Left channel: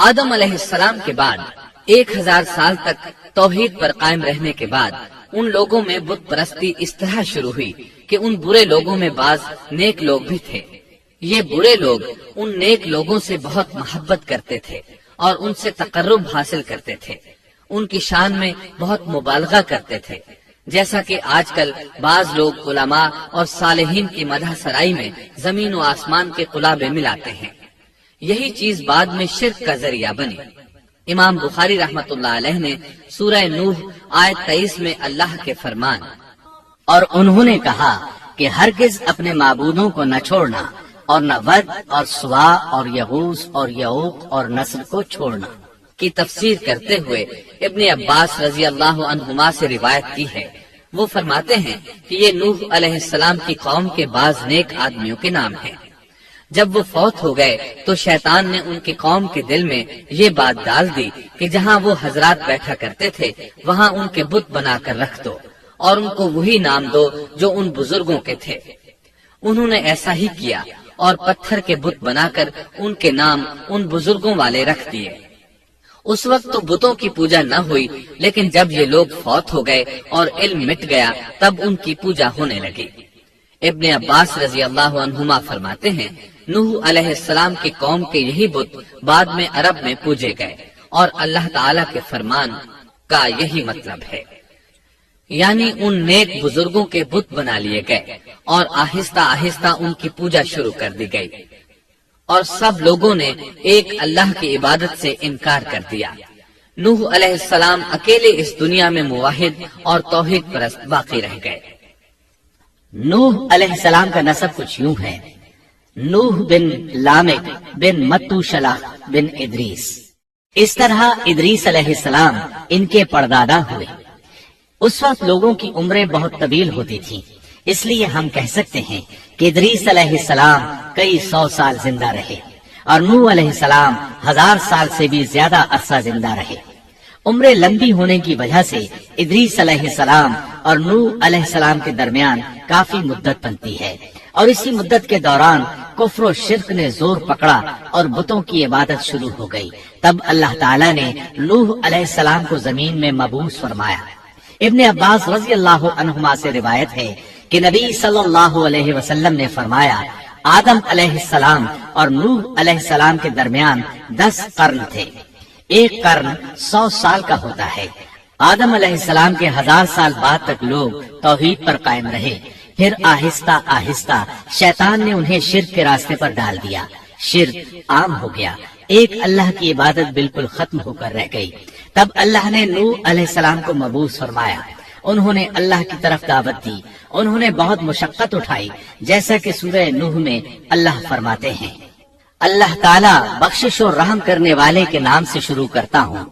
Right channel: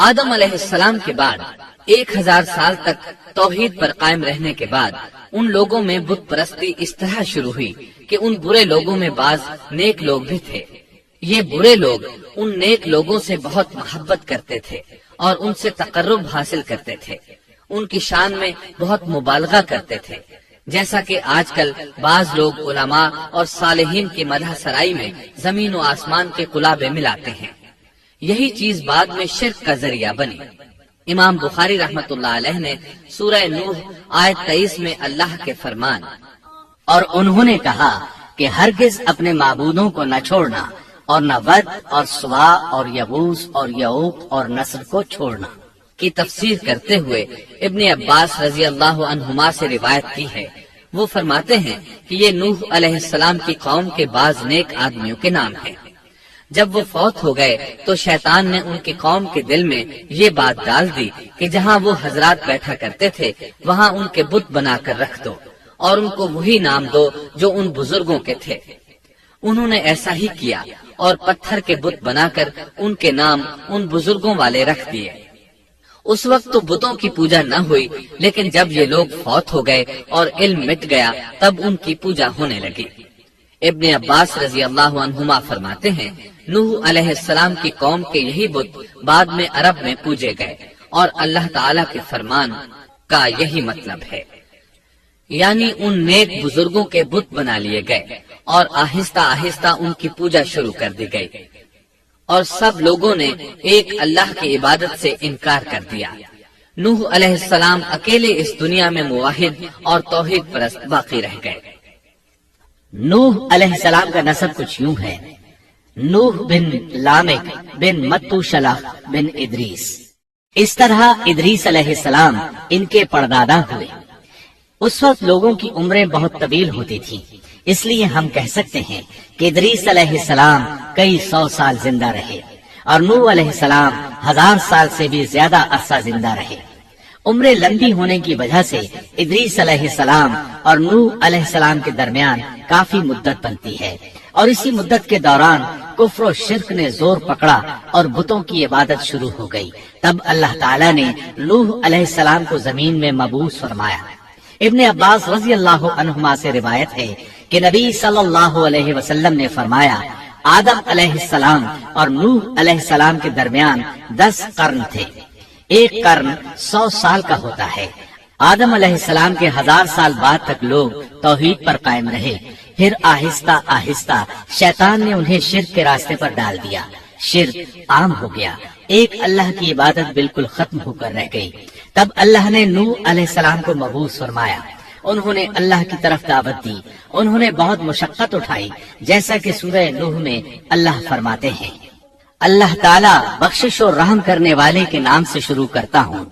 آدم علیہ السلام کے بعد 1000 سال تک توحید پر قائم رہنے کے بعد ان لوگوں میں بت پرستی اس طرح شروع ہوئی کہ ان برے لوگوں میں بعض نیک لوگ بھی تھے۔ یہ برے لوگ ان نیک لوگوں سے بہت محبت کرتے تھے اور ان سے تقرب حاصل کرتے تھے، ان کی شان میں بہت مبالغہ کرتے تھے، جیسا کہ آج کل بعض لوگ علماء اور صالحین کی مدح سرائی میں زمین و آسمان کے قلابے ملاتے ہیں۔ یہی چیز بعد میں شرک کا ذریعہ بنی۔ امام بخاری رحمت اللہ علیہ نے سورہ نوح آیت 23 میں اللہ کے فرمان اور انہوں نے کہا کہ ہرگز اپنے معبودوں کو نہ چھوڑنا اور نہ ود اور سوا اور یغوث اور یعوق اور نصر کو چھوڑنا کی تفسیر کرتے ہوئے ابن عباس رضی اللہ عنہما سے روایت کی ہے۔ وہ فرماتے ہیں کہ یہ نوح علیہ السلام کی قوم کے بعض نیک آدمیوں کے نام ہیں۔ جب وہ فوت ہو گئے تو شیطان نے ان کی قوم کے دل میں یہ بات ڈال دی کہ جہاں وہ حضرات بیٹھا کرتے تھے وہاں ان کے بت بنا کر رکھ دو اور ان کو وہی نام دو جو ان بزرگوں کے تھے۔ انہوں نے ایسا ہی کیا اور پتھر کے بت بنا کر ان کے نام ان بزرگوں والے رکھ دیے۔ اس وقت تو بتوں کی پوجا نہ ہوئی، لیکن جب یہ لوگ فوت ہو گئے اور علم مٹ گیا تب ان کی پوجا ہونے لگی۔ ابن عباس رضی اللہ عنہما فرماتے ہیں نوح علیہ السلام کی قوم کے یہی بت بعد میں عرب میں پوجے گئے اور اللہ تعالی کے فرمان کا یہی مطلب ہے، یعنی ان نیک بزرگوں کے بت بنا لیے گئے اور آہستہ آہستہ ان کی پوجا شروع کر دی گئی اور سب لوگوں نے ایک اللہ کی عبادت سے انکار کر دیا۔ نوح علیہ السلام اکیلے اس دنیا میں موحد اور توحید پرست باقی رہ گئے۔ نوح علیہ السلام کا نسب کچھ یوں ہے: نوح بن لامک بن متوشلہ بن ادریس۔ اس طرح ادریس علیہ السلام ان کے پردادا ہوئے۔ اس وقت لوگوں کی عمریں بہت طویل ہوتی تھیں، اس لیے ہم کہہ سکتے ہیں کہ ادریس علیہ السلام کئی 100 سال زندہ رہے اور نوح علیہ السلام 1000 سال سے بھی زیادہ عرصہ زندہ رہے۔ عمریں لمبی ہونے کی وجہ سے ادریس علیہ السلام اور نوح علیہ السلام کے درمیان کافی مدت بنتی ہے، اور اسی مدت کے دوران کفر و شرک نے زور پکڑا اور بتوں کی عبادت شروع ہو گئی۔ تب اللہ تعالیٰ نے نوح علیہ السلام کو زمین میں مبعوث فرمایا۔ ابن عباس رضی اللہ عنہما سے روایت ہے کہ نبی صلی اللہ علیہ وسلم نے فرمایا آدم علیہ السلام اور نوح علیہ السلام کے درمیان 10 قرن تھے۔ ایک قرن 100 سال کا ہوتا ہے۔ آدم علیہ السلام کے 1000 سال بعد تک لوگ توحید پر قائم رہے، پھر آہستہ آہستہ شیطان نے انہیں شرک کے راستے پر ڈال دیا، شرک عام ہو گیا، ایک اللہ کی عبادت بالکل ختم ہو کر رہ گئی۔ تب اللہ نے نوح علیہ السلام کو مبعوث فرمایا، انہوں نے اللہ کی طرف دعوت دی، انہوں نے بہت مشقت اٹھائی، جیسا کہ سورہ نوح میں اللہ فرماتے ہیں اللہ تعالیٰ بخشش اور رحم کرنے والے کے نام سے شروع کرتا ہوں۔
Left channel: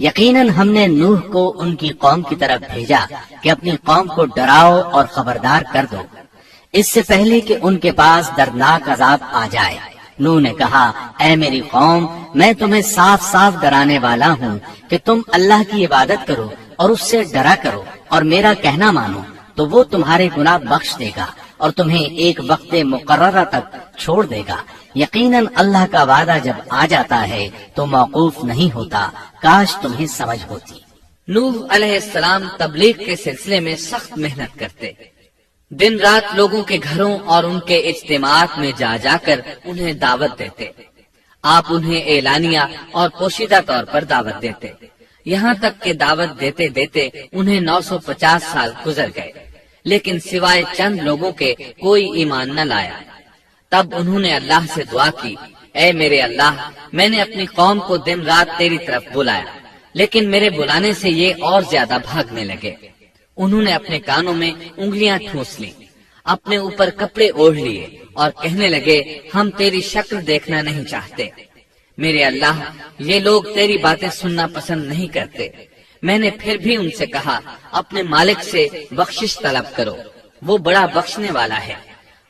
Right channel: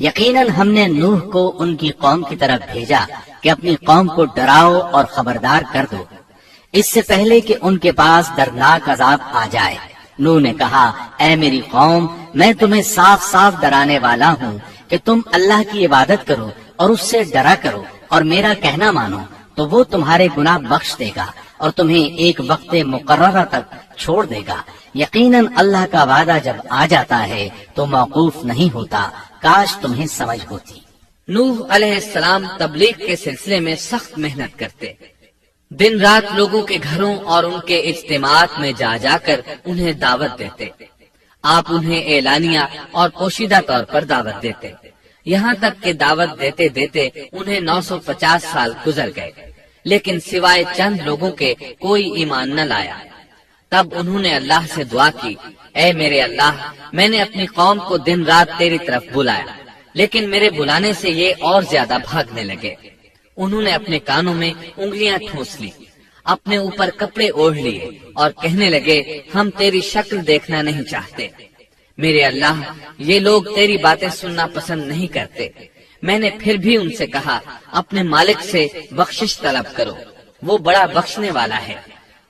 یقیناً ہم نے نوح کو ان کی قوم کی طرف بھیجا کہ اپنی قوم کو ڈراؤ اور خبردار کر دو اس سے پہلے کہ ان کے پاس دردناک عذاب آ جائے۔ نوح نے کہا اے میری قوم، میں تمہیں صاف صاف ڈرانے والا ہوں کہ تم اللہ کی عبادت کرو اور اس سے ڈرا کرو اور میرا کہنا مانو، تو وہ تمہارے گناہ بخش دے گا اور تمہیں ایک وقت مقررہ تک چھوڑ دے گا۔ یقیناً اللہ کا وعدہ جب آ جاتا ہے تو موقوف نہیں ہوتا، کاش تمہیں سمجھ ہوتی۔ نوح علیہ السلام تبلیغ کے سلسلے میں سخت محنت کرتے، دن رات لوگوں کے گھروں اور ان کے اجتماعات میں جا جا کر انہیں دعوت دیتے۔ آپ انہیں اعلانیہ اور پوشیدہ طور پر دعوت دیتے، یہاں تک کہ دعوت دیتے دیتے انہیں 950 سال گزر گئے، لیکن سوائے چند لوگوں کے کوئی ایمان نہ لایا۔ تب انہوں نے اللہ سے دعا کی اے میرے اللہ، میں نے اپنی قوم کو دن رات تیری طرف بلایا، لیکن میرے بلانے سے یہ اور زیادہ بھاگنے لگے۔ انہوں نے اپنے کانوں میں انگلیاں ٹھونس لی، اپنے اوپر کپڑے اوڑھ لیے اور کہنے لگے ہم تیری شکل دیکھنا نہیں چاہتے۔ میرے اللہ، یہ لوگ تیری باتیں سننا پسند نہیں کرتے۔ میں نے پھر بھی ان سے کہا اپنے مالک سے بخشش طلب کرو، وہ بڑا بخشنے والا ہے۔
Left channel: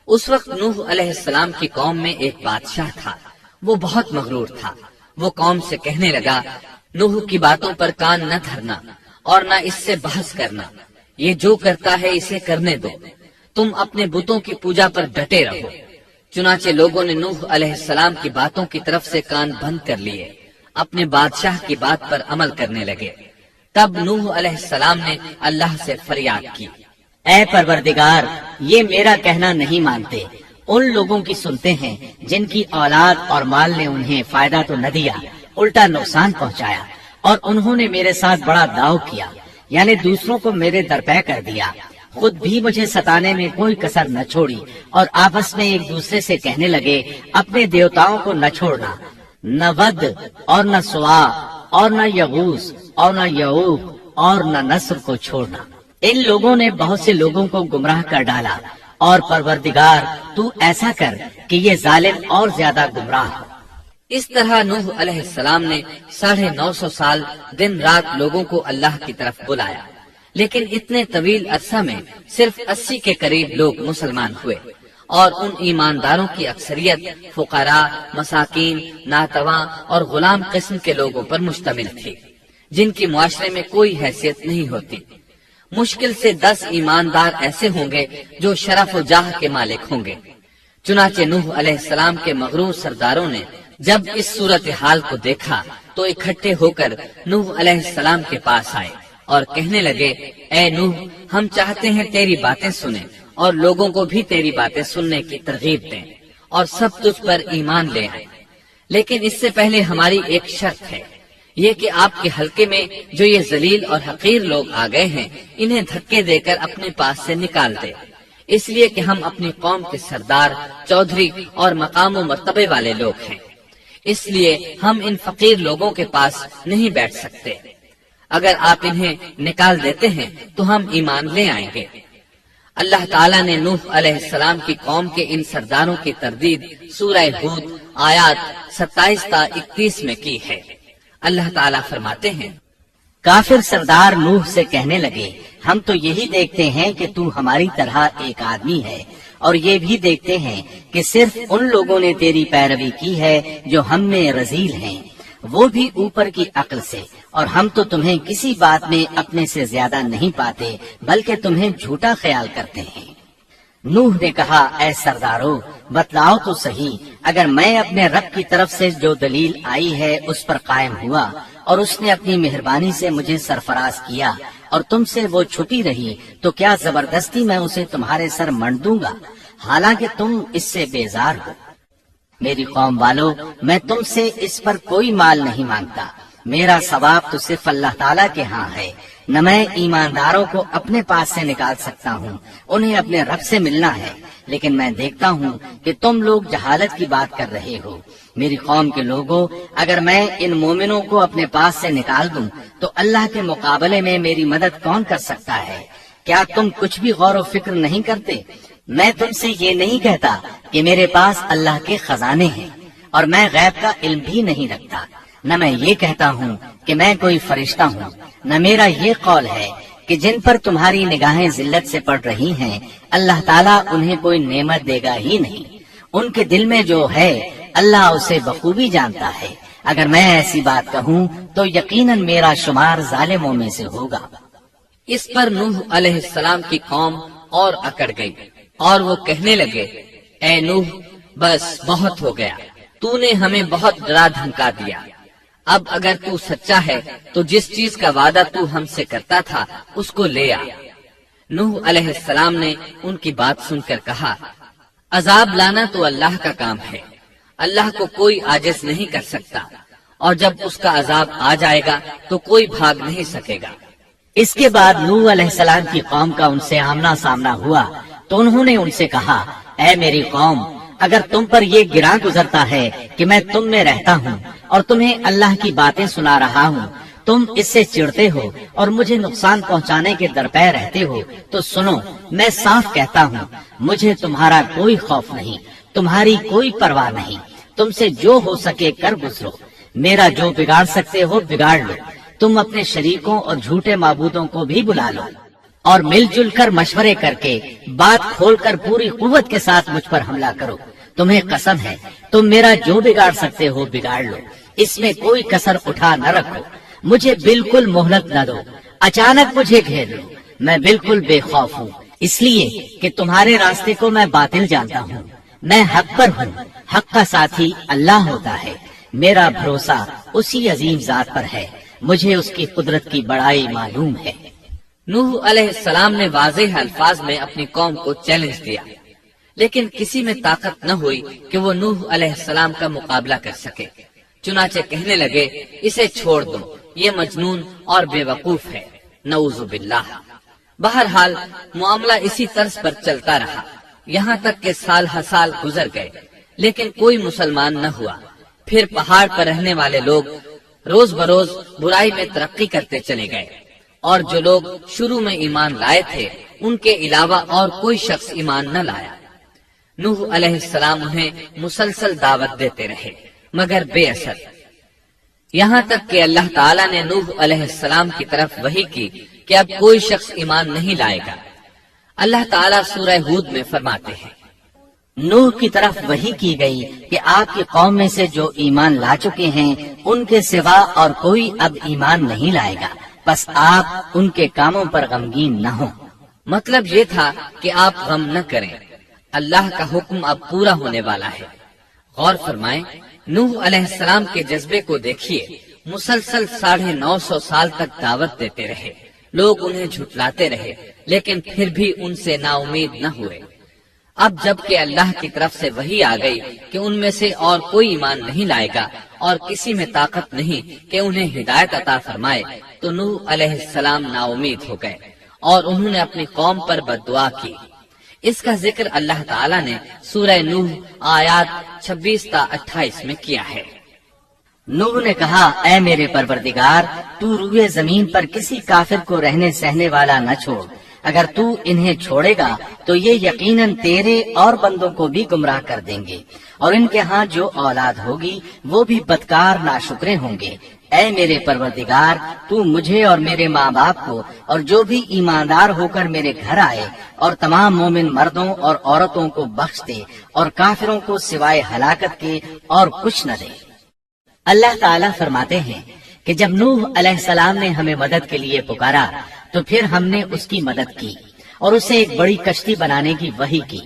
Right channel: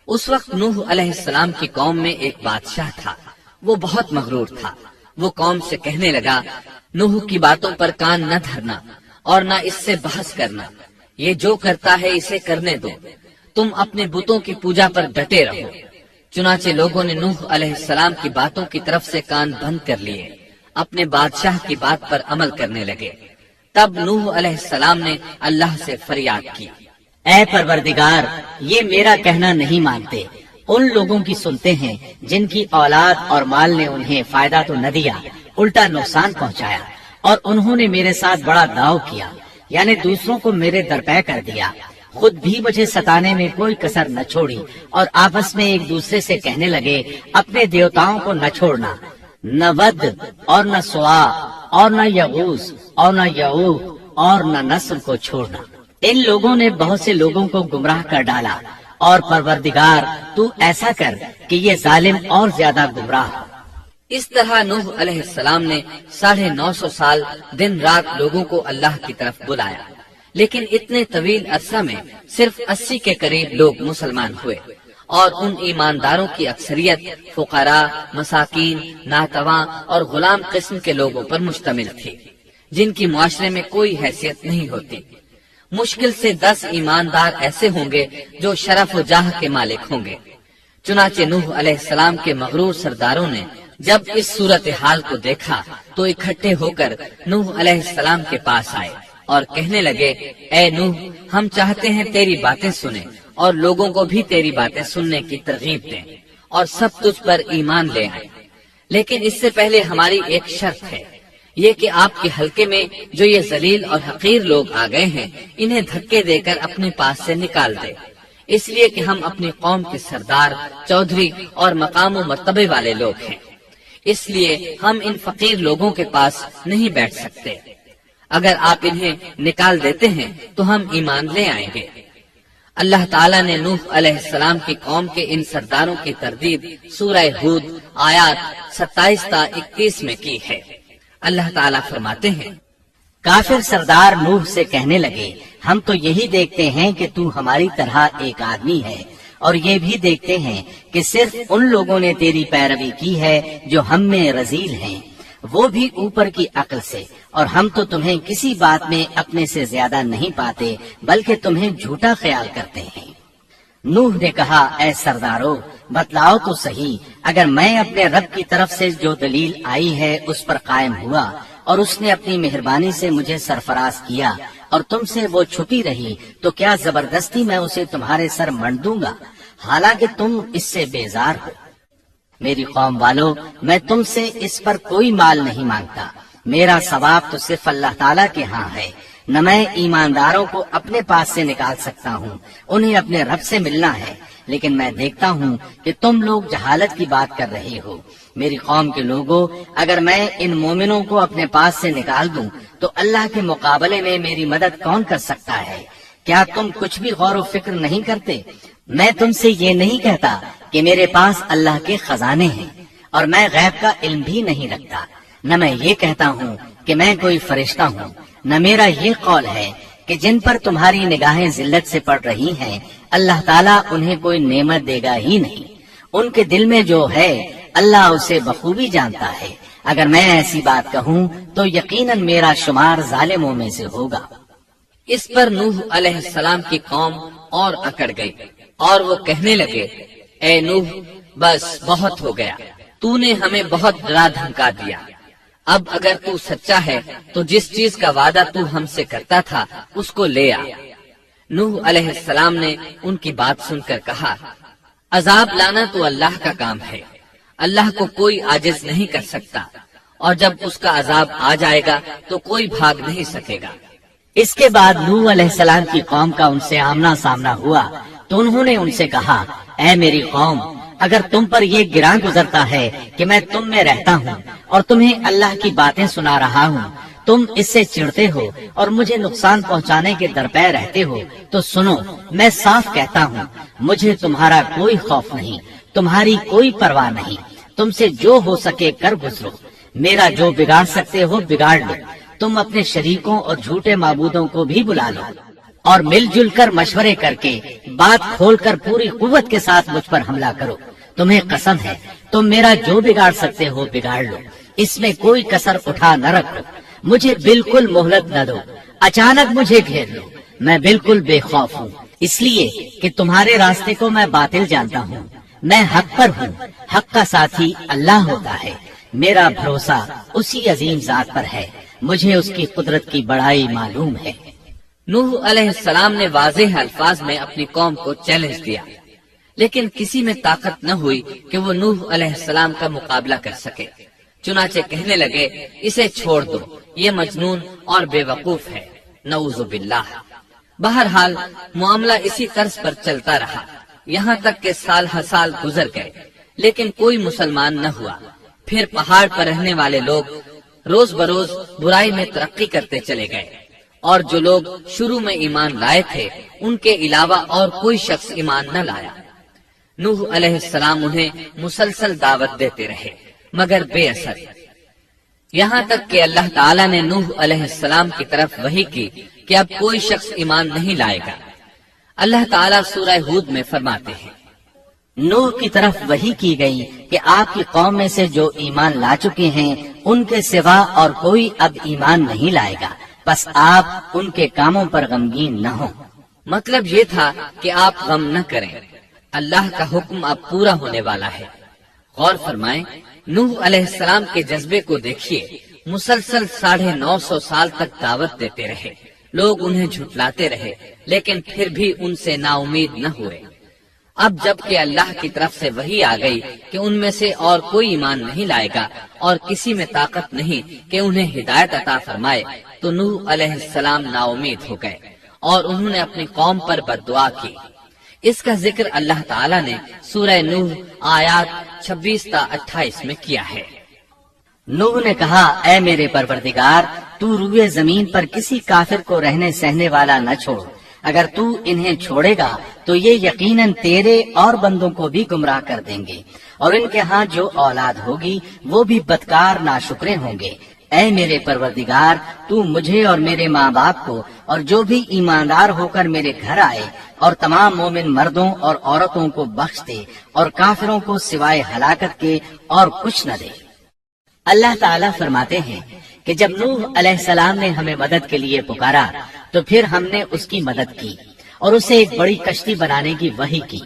اس وقت نوح علیہ السلام کی قوم میں ایک بادشاہ تھا، وہ بہت مغرور تھا۔ وہ قوم سے کہنے لگا نوح کی باتوں پر کان نہ دھرنا اور نہ اس سے بحث کرنا، یہ جو کرتا ہے اسے کرنے دو، تم اپنے بتوں کی پوجا پر ڈٹے رہو۔ چنانچہ لوگوں نے نوح علیہ السلام کی باتوں کی طرف سے کان بند کر لیے۔ اپنے بادشاہ کی بات پر عمل کرنے لگے۔ تب نوح علیہ السلام نے اللہ سے فریاد کی، اے پروردگار، یہ میرا کہنا نہیں مانتے، ان لوگوں کی سنتے ہیں جن کی اولاد اور مال نے انہیں فائدہ تو نہ دیا، الٹا نقصان پہنچایا، اور انہوں نے میرے ساتھ بڑا داؤ کیا، یعنی دوسروں کو میرے درپے کر دیا، خود بھی مجھے ستانے میں کوئی کسر نہ چھوڑی، اور آپس میں ایک دوسرے سے کہنے لگے اپنے دیوتاؤں کو نہ چھوڑنا، نہ ود اور نہ سوا اور نہ یغوث اور نہ یعوق اور نہ نسل کو چھوڑنا۔ ان لوگوں نے بہت سے لوگوں کو گمراہ کر ڈالا، اور پروردگار تو ایسا کر کہ یہ ظالم اور زیادہ گمراہ ہو۔ اس طرح نوح علیہ السلام نے 950 سال دن رات لوگوں کو اللہ کی طرف بلایا، لیکن اتنے طویل عرصہ میں صرف 80 کے قریب لوگ مسلمان ہوئے، اور ان ایمانداروں کی اکثریت فقراء، مساکین، ناتواں اور غلام قسم کے لوگوں پر مشتمل تھی، جن کی معاشرے میں کوئی حیثیت نہیں ہوتی۔ مشکل سے 10 ایماندار ایسے ہوں گے جو شرف و جاہ کے مالک ہوں گے۔ چنانچہ نوح علیہ السلام کے مغرور سرداروں نے جب اس صورتحال کو دیکھا تو اکٹھے ہو کر نوح علیہ السلام کے پاس آئے اور کہنے لگے، اے نوح، ہم چاہتے ہیں تیری باتیں سنیں اور لوگوں کو بھی تیری باتیں سننے کی ترغیب دیں اور سب تجھ پر ایمان لے آئیں، لیکن اس سے پہلے ہماری ایک شرط ہے، یہ کہ آپ کے حلقے میں جو یہ ذلیل اور حقیر لوگ آ گئے ہیں انہیں دھکے دے کر اپنے پاس سے نکال دے، اس لیے کہ ہم اپنی قوم کے سردار، چودھری اور مقام و مرتبے والے لوگ ہیں، اس لیے ہم ان فقیر لوگوں کے پاس نہیں بیٹھ سکتے۔ اگر آپ انہیں نکال دیتے ہیں تو ہم ایمان لے آئیں گے۔ اللہ تعالیٰ نے نوح علیہ السلام کی قوم کے ان سرداروں کی تردید سورہ ہود آیات 27 تا 31 میں کی ہے۔ اللہ تعالیٰ فرماتے ہیں، کافر سردار نوح سے کہنے لگے، ہم تو یہی دیکھتے ہیں کہ تو ہماری طرح ایک آدمی ہے، اور یہ بھی دیکھتے ہیں کہ صرف ان لوگوں نے تیری پیروی کی ہے جو ہم میں رذیل ہیں، وہ بھی اوپر کی عقل سے، اور ہم تو تمہیں کسی بات میں اپنے سے زیادہ نہیں پاتے بلکہ تمہیں جھوٹا خیال کرتے ہیں۔ نوح نے کہا، اے سرداروں، بتلاؤ تو صحیح، اگر میں اپنے رب کی طرف سے جو دلیل آئی ہے اس پر قائم ہوا اور اس نے اپنی مہربانی سے مجھے سرفراز کیا اور تم سے وہ چھپی رہی، تو کیا زبردستی میں اسے تمہارے سر منڈ دوں گا، حالانکہ تم اس سے بیزار ہو۔ میری قوم والو، میں تم سے اس پر کوئی مال نہیں مانگتا، میرا ثواب تو صرف اللہ تعالیٰ کے ہاں ہے، نہ میں ایمانداروں کو اپنے پاس سے نکال سکتا ہوں، انہیں اپنے رب سے ملنا ہے، لیکن میں دیکھتا ہوں کہ تم لوگ جہالت کی بات کر رہے ہو۔ میری قوم کے لوگوں، اگر میں ان مومنوں کو اپنے پاس سے نکال دوں تو اللہ کے مقابلے میں میری مدد کون کر سکتا ہے؟ کیا تم کچھ بھی غور و فکر نہیں کرتے؟ میں تم سے یہ نہیں کہتا کہ میرے پاس اللہ کے خزانے ہیں اور میں غیب کا علم بھی نہیں رکھتا، نہ میں یہ کہتا ہوں کہ میں کوئی فرشتہ ہوں، نہ میرا یہ قول ہے کہ جن پر تمہاری نگاہیں ذلت سے پڑ رہی ہیں اللہ تعالیٰ انہیں کوئی نعمت دے گا ہی نہیں، ان کے دل میں جو ہے اللہ اسے بخوبی جانتا ہے۔ اگر میں ایسی بات کہوں تو یقیناً میرا شمار ظالموں میں سے ہوگا۔ اس پر نوح علیہ السلام کی قوم اور اکڑ گئی اور وہ کہنے لگے، اے نوح، بس بہت ہو گیا، تو نے ہمیں بہت ڈرا دھمکا دیا، اب اگر تو سچا ہے تو جس چیز کا وعدہ تو ہم سے کرتا تھا اس کو لے آ۔ نوح علیہ السلام نے ان کی بات سن کر کہا، عذاب لانا تو اللہ کا کام ہے، اللہ کو کوئی عاجز نہیں کر سکتا، اور جب اس کا عذاب آ جائے گا تو کوئی بھاگ نہیں سکے گا۔ اس کے بعد نوح علیہ السلام کی قوم کا ان سے آمنا سامنا ہوا تو انہوں نے ان سے کہا، اے میری قوم، اگر تم پر یہ گراں گزرتا ہے کہ میں تم میں رہتا ہوں اور تمہیں اللہ کی باتیں سنا رہا ہوں، تم اس سے چڑھتے ہو اور مجھے نقصان پہنچانے کے درپے رہتے ہو، تو سنو، میں صاف کہتا ہوں، مجھے تمہارا کوئی خوف نہیں، تمہاری کوئی پرواہ نہیں، تم سے جو ہو سکے کر گزرو، میرا جو بگاڑ سکتے ہو بگاڑ لو، تم اپنے شریکوں اور جھوٹے معبودوں کو بھی بلا لو اور مل جل کر مشورے کر کے بات کھول کر پوری قوت کے ساتھ مجھ پر حملہ کرو، تمہیں قسم ہے تم میرا جو بگاڑ سکتے ہو بگاڑ لو، اس میں کوئی کسر اٹھا نہ رکھو، مجھے بالکل مہلت نہ دو، اچانک مجھے گھیر لو، میں بالکل بے خوف ہوں، اس لیے کہ تمہارے راستے کو میں باطل جانتا ہوں، میں حق پر ہوں، حق کا ساتھی اللہ ہوتا ہے، میرا بھروسہ اسی عظیم ذات پر ہے، مجھے اس کی قدرت کی بڑائی معلوم ہے۔ نوح علیہ السلام نے واضح الفاظ میں اپنی قوم کو چیلنج دیا، لیکن کسی میں طاقت نہ ہوئی کہ وہ نوح علیہ السلام کا مقابلہ کر سکے۔ چنانچہ کہنے لگے، اسے چھوڑ دو، یہ مجنون اور بے وقوف ہے، نعوذ باللہ۔ بہرحال معاملہ اسی طرز پر چلتا رہا، یہاں تک کہ سال ہر سال گزر گئے، لیکن کوئی مسلمان نہ ہوا۔ پھر پہاڑ پر رہنے والے لوگ روز بروز برائی میں ترقی کرتے چلے گئے، اور جو لوگ شروع میں ایمان لائے تھے ان کے علاوہ اور کوئی شخص ایمان نہ لایا۔ نوح علیہ السلام انہیں مسلسل دعوت دیتے رہے مگر بے اثر، یہاں تک کہ اللہ تعالیٰ نے نوح علیہ السلام کی طرف وحی کی کہ اب کوئی شخص ایمان نہیں لائے گا۔ اللہ تعالیٰ سورہ ہود میں فرماتے ہیں، نوح کی طرف وحی کی گئی کہ آپ کی قوم میں سے جو ایمان لا چکے ہیں ان کے سوا اور کوئی اب ایمان نہیں لائے گا، بس آپ ان کے کاموں پر غمگین نہ ہوں۔ مطلب یہ تھا کہ آپ غم نہ کریں، اللہ کا حکم اب پورا ہونے والا ہے۔ غور فرمائیں، نوح علیہ السلام کے جذبے کو دیکھیے، مسلسل 950 سال تک دعوت دیتے رہے، لوگ انہیں جھٹلاتے رہے، لیکن پھر بھی ان سے نا امید نہ ہوئے۔ اب جب کہ اللہ کی طرف سے وحی آ گئی کہ ان میں سے اور کوئی ایمان نہیں لائے گا اور کسی میں طاقت نہیں کہ انہیں ہدایت عطا فرمائے، تو نوح علیہ السلام نا امید ہو گئے اور انہوں نے اپنی قوم پر بد دعا کی۔ اس کا ذکر اللہ تعالیٰ نے سورہ نوح آیات 26 تا 28 میں کیا ہے۔ نوح نے کہا، اے میرے پروردگار، تو روئے زمین پر کسی کافر کو رہنے سہنے والا نہ چھوڑ، اگر تو انہیں چھوڑے گا تو یہ یقیناً تیرے اور بندوں کو بھی گمراہ کر دیں گے، اور ان کے ہاں جو اولاد ہوگی وہ بھی بدکار ناشکرے ہوں گے۔ اے میرے پروردگار، تو مجھے اور میرے ماں باپ کو اور جو بھی ایماندار ہو کر میرے گھر آئے اور تمام مومن مردوں اور عورتوں کو بخش دے، اور کافروں کو سوائے ہلاکت کے اور کچھ نہ دے۔ اللہ تعالیٰ فرماتے ہیں کہ جب نوح علیہ السلام نے ہمیں مدد کے لیے پکارا تو پھر ہم نے اس کی مدد کی اور اسے ایک بڑی کشتی بنانے کی وحی کی،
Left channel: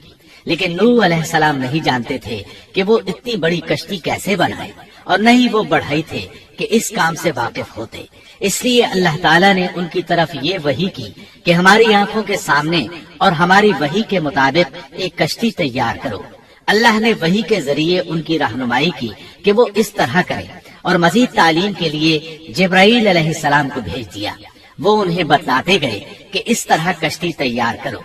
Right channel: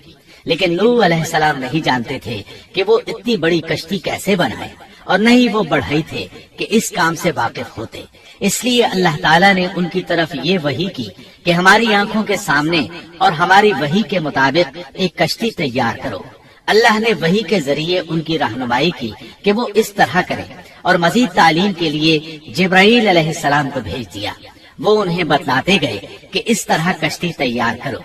لیکن نوح علیہ السلام نہیں جانتے تھے کہ وہ اتنی بڑی کشتی کیسے بنائے، اور نہ ہی وہ بڑھئی تھے کہ اس کام سے واقف ہوتے۔ اس لیے اللہ تعالیٰ نے ان کی طرف یہ وحی کی کہ ہماری آنکھوں کے سامنے اور ہماری وحی کے مطابق ایک کشتی تیار کرو۔ اللہ نے وحی کے ذریعے ان کی رہنمائی کی کہ وہ اس طرح کریں، اور مزید تعلیم کے لیے جبرائیل علیہ السلام کو بھیج دیا۔ وہ انہیں بتلاتے گئے کہ اس طرح کشتی تیار کرو۔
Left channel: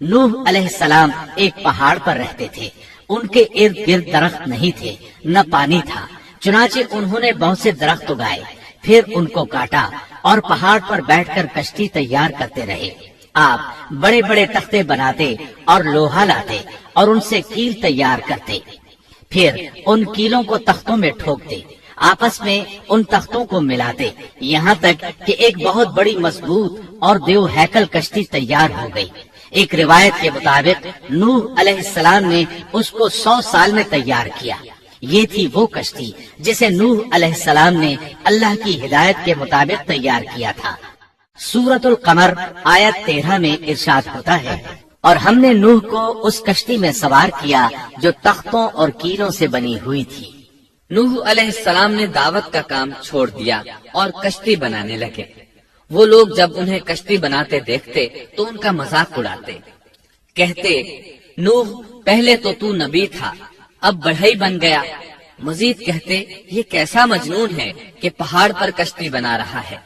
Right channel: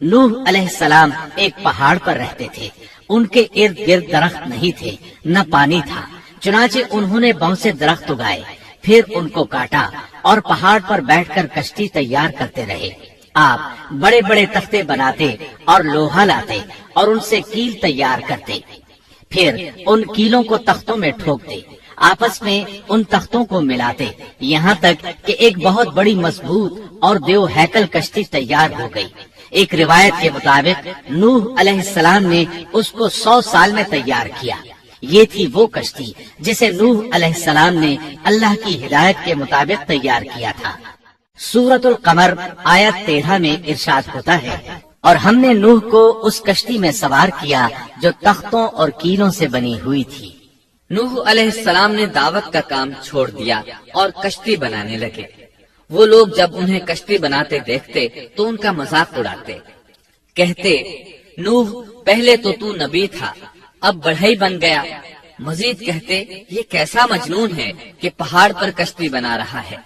نوح علیہ السلام ایک پہاڑ پر رہتے تھے، ان کے ارد گرد درخت نہیں تھے، نہ پانی تھا، چنانچہ انہوں نے بہت سے درخت اگائے، پھر ان کو کاٹا اور پہاڑ پر بیٹھ کر کشتی تیار کرتے رہے۔ آپ بڑے بڑے تختے بناتے اور لوہا لاتے اور ان سے کیل تیار کرتے، پھر ان کیلوں کو تختوں میں ٹھوکتے، آپس میں ان تختوں کو ملاتے، یہاں تک کہ ایک بہت بڑی مضبوط اور دیو ہیکل کشتی تیار ہو گئی۔ ایک روایت کے مطابق نوح علیہ السلام نے اس کو 100 سال میں تیار کیا۔ یہ تھی وہ کشتی جسے نوح علیہ السلام نے اللہ کی ہدایت کے مطابق تیار کیا تھا۔ سورۃ القمر آیت 13 میں ارشاد ہوتا ہے، اور ہم نے نوح کو اس کشتی میں سوار کیا جو تختوں اور کیلوں سے بنی ہوئی تھی۔ نوح علیہ السلام نے دعوت کا کام چھوڑ دیا اور کشتی بنانے لگے۔ وہ لوگ جب انہیں کشتی بناتے دیکھتے تو ان کا مذاق اڑاتے، کہتے، نوح پہلے تو نبی تھا، اب بڑھئی بن گیا۔ مزید کہتے، یہ کیسا مجنون ہے کہ پہاڑ پر کشتی بنا رہا ہے۔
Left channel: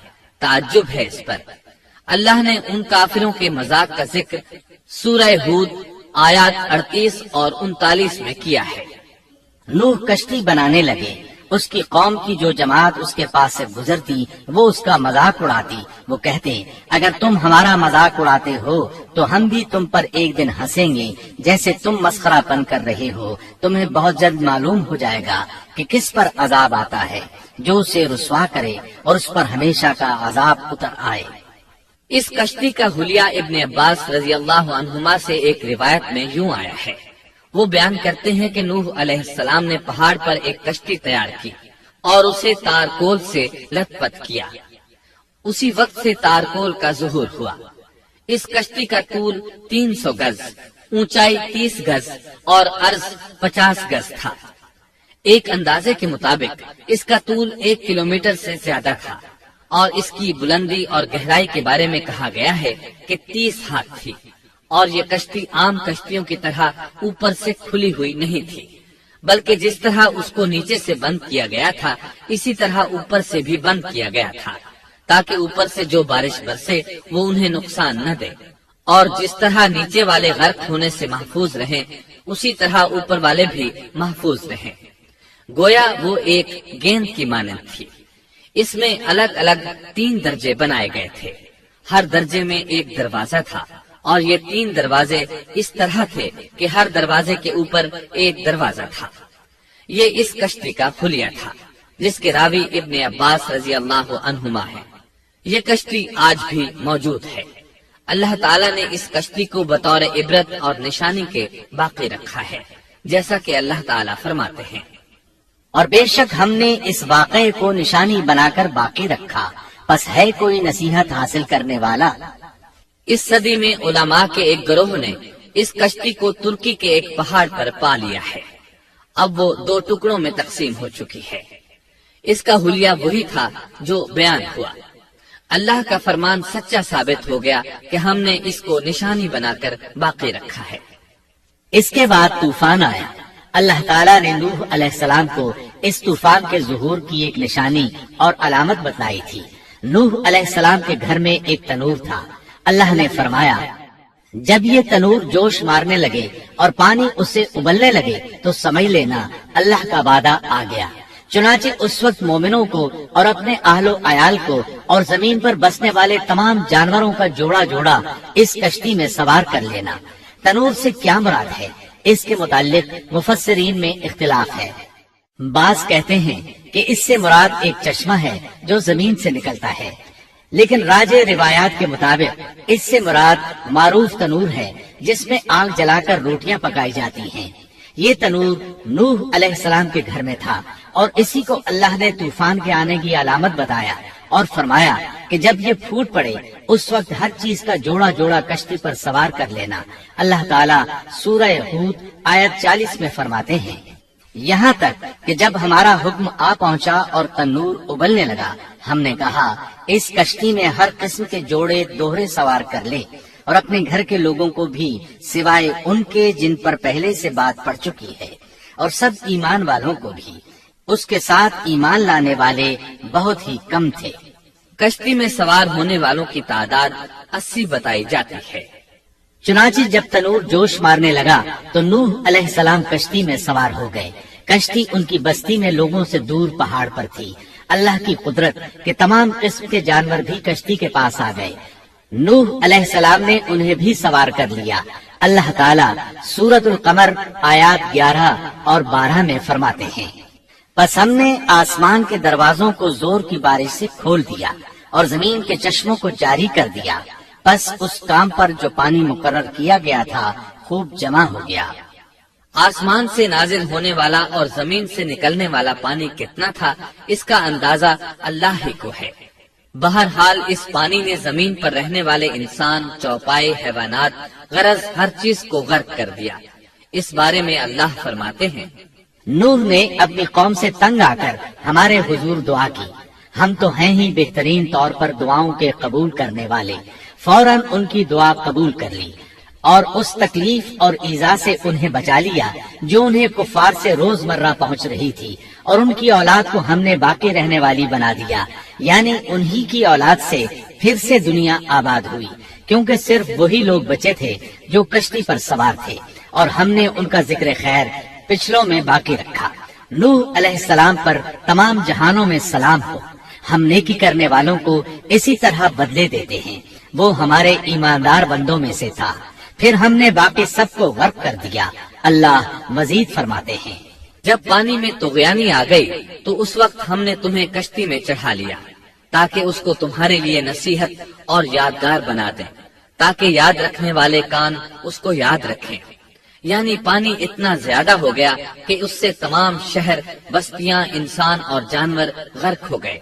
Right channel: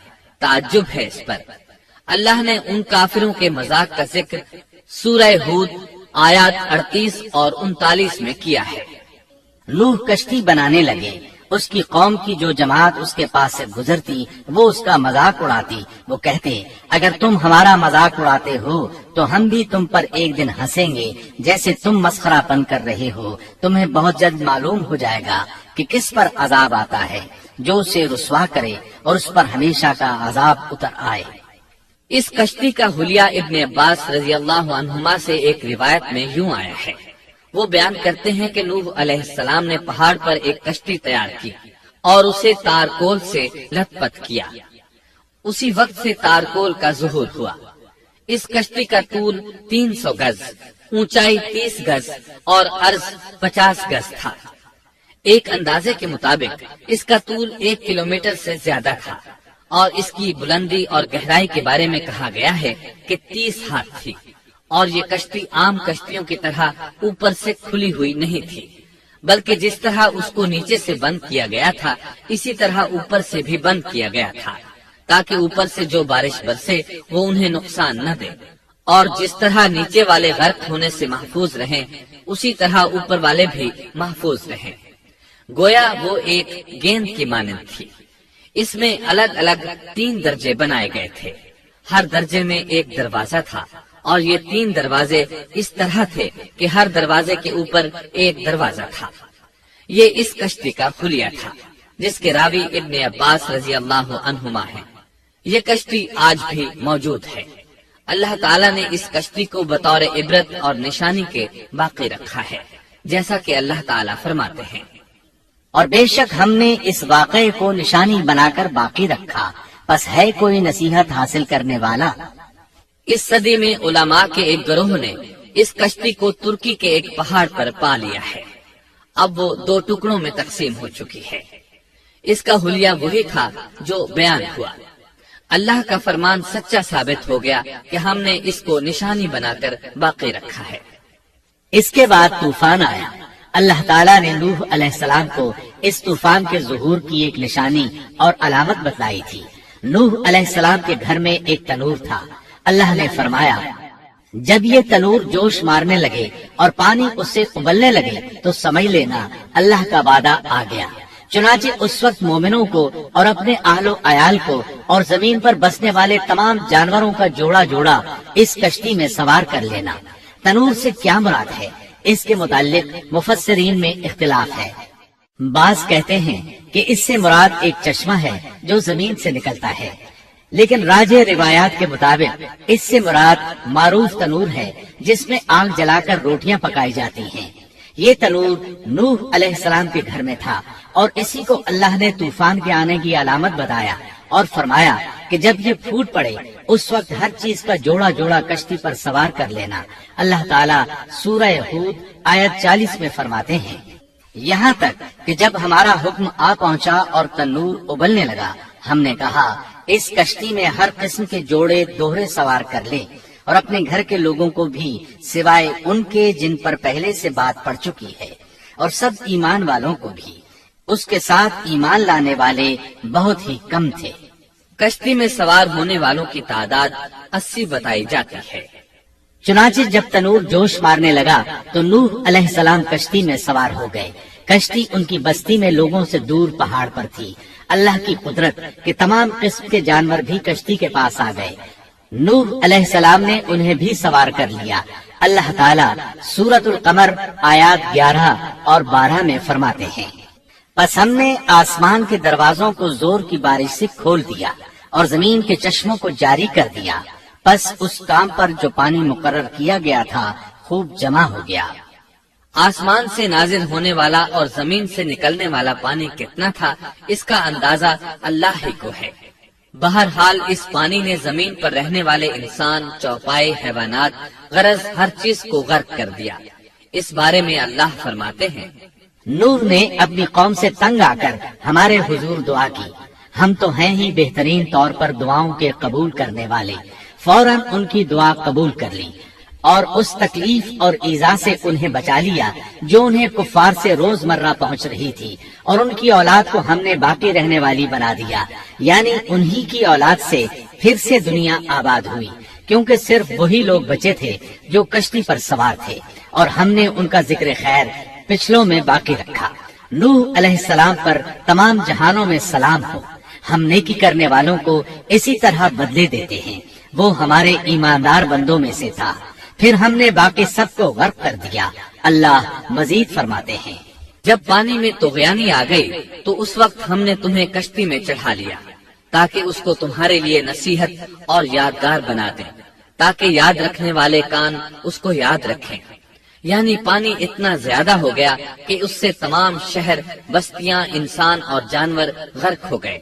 تعجب ہے اس پر۔ اللہ نے ان کافروں کے مذاق کا ذکر سورہ ہود آیات 38 اور 39 میں کیا ہے۔ نوح کشتی بنانے لگے، اس کی قوم کی جو جماعت اس کے پاس سے گزرتی وہ اس کا مذاق اڑاتی۔ وہ کہتے، اگر تم ہمارا مذاق اڑاتے ہو تو ہم بھی تم پر ایک دن ہنسیں گے، جیسے تم مسخرہ پن کر رہے ہو۔ تمہیں بہت جلد معلوم ہو جائے گا کہ کس پر عذاب آتا ہے، جو اسے رسوا کرے اور اس پر ہمیشہ کا عذاب اتر آئے۔ اس کشتی کا حلیہ ابن عباس رضی اللہ عنہما سے ایک روایت میں یوں آیا ہے۔ وہ بیان کرتے ہیں کہ نوح علیہ السلام نے پہاڑ پر ایک کشتی تیار کی اور اسے تارکول سے لت پت کیا۔ اسی وقت سے تارکول کا ظہور ہوا۔ اس کشتی کا طول 300 گز، اونچائی 30 گز اور عرض 50 گز تھا۔ ایک اندازے کے مطابق اس کا طول 1 کلومیٹر سے زیادہ تھا اور اس کی بلندی اور گہرائی کے بارے میں کہا گیا ہے کہ 30 ہاتھ تھی، اور یہ کشتی عام کشتیوں کی طرح اوپر سے کھلی ہوئی نہیں تھی، بلکہ جس طرح اس کو نیچے سے بند کیا گیا تھا اسی طرح اوپر سے بھی بند کیا گیا تھا، تاکہ اوپر سے جو بارش برسے وہ انہیں نقصان نہ دے، اور جس طرح نیچے والے غرق ہونے سے محفوظ رہیں اسی طرح اوپر والے بھی محفوظ رہیں۔ گویا وہ ایک گیند کی مانند تھی۔ اس میں الگ الگ 3 درجے بنائے گئے تھے، ہر درجے میں ایک دروازہ تھا، اور یہ 3 دروازے اس طرح تھے کہ ہر دروازے کے اوپر ایک دروازہ تھا۔ یہ اس کشتی کا خلیہ تھا جس کے راوی ابن عباس رضی اللہ عنہما ہے۔ یہ کشتی آج بھی موجود ہے۔ اللہ تعالیٰ نے اس کشتی کو بطور عبرت اور نشانی کے باقی رکھا ہے، جیسا کہ اللہ تعالیٰ فرماتے ہیں، اور بے شک ہم نے اس واقعے کو نشانی بنا کر باقی رکھا، پس ہے کوئی نصیحت حاصل کرنے والا؟ اس صدی میں علماء کے ایک گروہ نے اس کشتی کو ترکی کے ایک پہاڑ پر پا لیا ہے۔ اب وہ 2 ٹکڑوں میں تقسیم ہو چکی ہے۔ اس کا حلیہ وہی تھا جو بیان ہوا۔ اللہ کا فرمان سچا ثابت ہو گیا کہ ہم نے اس کو نشانی بنا کر باقی رکھا ہے۔ اس کے بعد طوفان آیا۔ اللہ تعالیٰ نے نوح علیہ السلام کو اس طوفان کے ظہور کی ایک نشانی اور علامت بتلائی تھی۔ نوح علیہ السلام کے گھر میں ایک تنور تھا۔ اللہ نے فرمایا، جب یہ تنور جوش مارنے لگے اور پانی اس سے ابلنے لگے تو سمجھ لینا اللہ کا وعدہ آ گیا۔ چنانچہ اس وقت مومنوں کو اور اپنے اہل و عیال کو اور زمین پر بسنے والے تمام جانوروں کا جوڑا جوڑا اس کشتی میں سوار کر لینا۔ تنور سے کیا مراد ہے، اس کے متعلق مفسرین میں اختلاف ہے۔ بعض کہتے ہیں کہ اس سے مراد ایک چشمہ ہے جو زمین سے نکلتا ہے، لیکن راجح روایات کے مطابق اس سے مراد معروف تنور ہے جس میں آگ جلا کر روٹیاں پکائی جاتی ہیں۔ یہ تنور نوح علیہ السلام کے گھر میں تھا، اور اسی کو اللہ نے طوفان کے آنے کی علامت بتایا اور فرمایا کہ جب یہ پھوٹ پڑے اس وقت ہر چیز کا جوڑا جوڑا کشتی پر سوار کر لینا۔ اللہ تعالیٰ سورہ ہود آیت 40 میں فرماتے ہیں، یہاں تک کہ جب ہمارا حکم آ پہنچا اور تنور ابلنے لگا، ہم نے کہا اس کشتی میں ہر قسم کے جوڑے دوہرے سوار کر لے، اور اپنے گھر کے لوگوں کو بھی سوائے ان کے جن پر پہلے سے بات پڑ چکی ہے، اور سب ایمان والوں کو بھی۔ اس کے ساتھ ایمان لانے والے بہت ہی کم تھے۔ کشتی میں سوار ہونے والوں کی تعداد 80 بتائی جاتی ہے۔ چنانچہ جب تنور جوش مارنے لگا تو نوح علیہ السلام کشتی میں سوار ہو گئے۔ کشتی ان کی بستی میں لوگوں سے دور پہاڑ پر تھی۔ اللہ کی قدرت کہ تمام قسم کے جانور بھی کشتی کے پاس آ گئے۔ نوح علیہ السلام نے انہیں بھی سوار کر لیا۔ اللہ تعالیٰ سورۃ القمر آیات 11 اور 12 میں فرماتے ہیں، پس ہم نے آسمان کے دروازوں کو زور کی بارش سے کھول دیا اور زمین کے چشموں کو جاری کر دیا، پس اس کام پر جو پانی مقرر کیا گیا تھا خوب جمع ہو گیا۔ آسمان سے نازل ہونے والا اور زمین سے نکلنے والا پانی کتنا تھا اس کا اندازہ اللہ ہی کو ہے۔ بہرحال اس پانی نے زمین پر رہنے والے انسان، چوپائے، حیوانات، غرض ہر چیز کو غرق کر دیا۔ اس بارے میں اللہ فرماتے ہیں، نوح نے اپنی قوم سے تنگ آ کر ہمارے حضور دعا کی، ہم تو ہیں ہی بہترین طور پر دعاؤں کے قبول کرنے والے۔ فوراً ان کی دعا قبول کر لی اور اس تکلیف اور ایذا سے انہیں بچا لیا جو انہیں کفار سے روزمرہ پہنچ رہی تھی، اور ان کی اولاد کو ہم نے باقی رہنے والی بنا دیا، یعنی انہی کی اولاد سے پھر سے دنیا آباد ہوئی، کیونکہ صرف وہی لوگ بچے تھے جو کشتی پر سوار تھے، اور ہم نے ان کا ذکر خیر پچھلوں میں باقی رکھا۔ نوح علیہ السلام پر تمام جہانوں میں سلام ہو۔ ہم نیکی کرنے والوں کو اسی طرح بدلے دیتے ہیں، وہ ہمارے ایماندار بندوں میں سے تھا، پھر ہم نے باقی سب کو غرق کر دیا۔ اللہ مزید فرماتے ہیں، جب پانی میں طغیانی آ گئی تو اس وقت ہم نے تمہیں کشتی میں چڑھا لیا تاکہ اس کو تمہارے لیے نصیحت اور یادگار بنا دیں، تاکہ یاد رکھنے والے کان اس کو یاد رکھیں۔ یعنی پانی اتنا زیادہ ہو گیا کہ اس سے تمام شہر، بستیاں، انسان اور جانور غرق ہو گئے،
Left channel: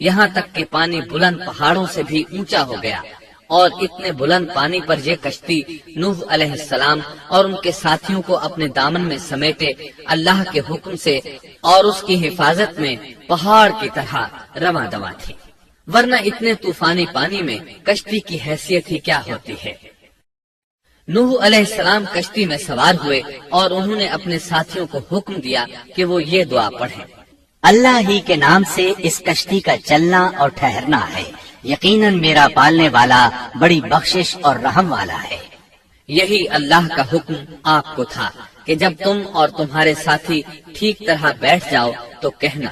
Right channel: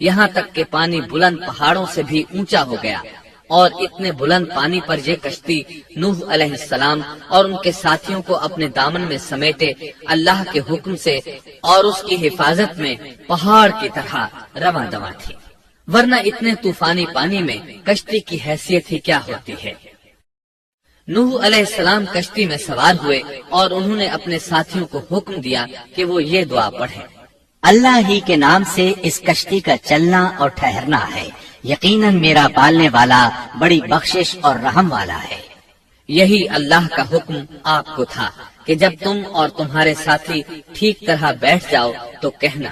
یہاں تک کہ پانی بلند پہاڑوں سے بھی اونچا ہو گیا اور اتنے بلند پانی پر یہ کشتی نوح علیہ السلام اور ان کے ساتھیوں کو اپنے دامن میں سمیٹے اللہ کے حکم سے اور اس کی حفاظت میں پہاڑ کی طرح رواں دواں تھی، ورنہ اتنے طوفانی پانی میں کشتی کی حیثیت ہی کیا ہوتی ہے۔ نوح علیہ السلام کشتی میں سوار ہوئے اور انہوں نے اپنے ساتھیوں کو حکم دیا کہ وہ یہ دعا پڑھیں، اللہ ہی کے نام سے اس کشتی کا چلنا اور ٹھہرنا ہے، یقیناً میرا پالنے والا بڑی بخشش اور رحم والا ہے۔ یہی اللہ کا حکم آپ کو تھا کہ جب تم اور تمہارے ساتھی ٹھیک طرح بیٹھ جاؤ تو کہنا،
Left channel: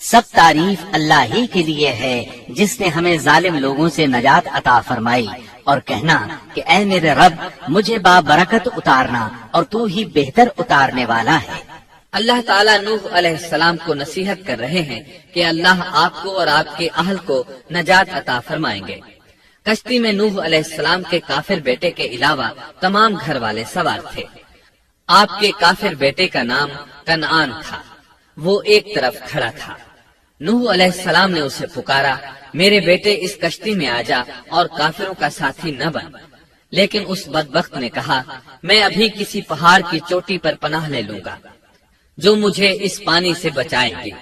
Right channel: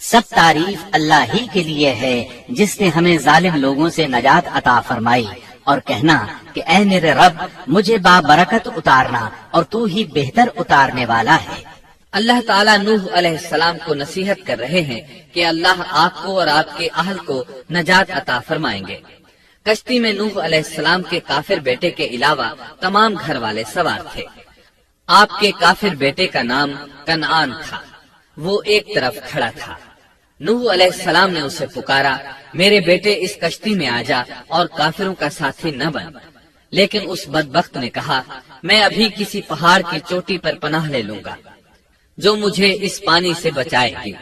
سب تعریف اللہ ہی کے لیے ہے جس نے ہمیں ظالم لوگوں سے نجات عطا فرمائی، اور کہنا کہ اے میرے رب مجھے بابرکت اتارنا اور تو ہی بہتر اتارنے والا ہے۔ اللہ تعالیٰ نوح علیہ السلام کو نصیحت کر رہے ہیں کہ اللہ آپ کو اور آپ کے اہل کو نجات عطا فرمائیں گے۔ کشتی میں نوح علیہ السلام کے کافر بیٹے کے علاوہ تمام گھر والے سوار تھے۔ آپ کے کافر بیٹے کا نام کنعان تھا، وہ ایک طرف کھڑا تھا۔ نوح علیہ السلام نے اسے پکارا، میرے بیٹے اس کشتی میں آ جا اور کافروں کا ساتھی نہ بن، لیکن اس بدبخت نے کہا، میں ابھی کسی پہاڑ کی چوٹی پر پناہ لے لوں گا جو مجھے اس پانی سے بچائے گی۔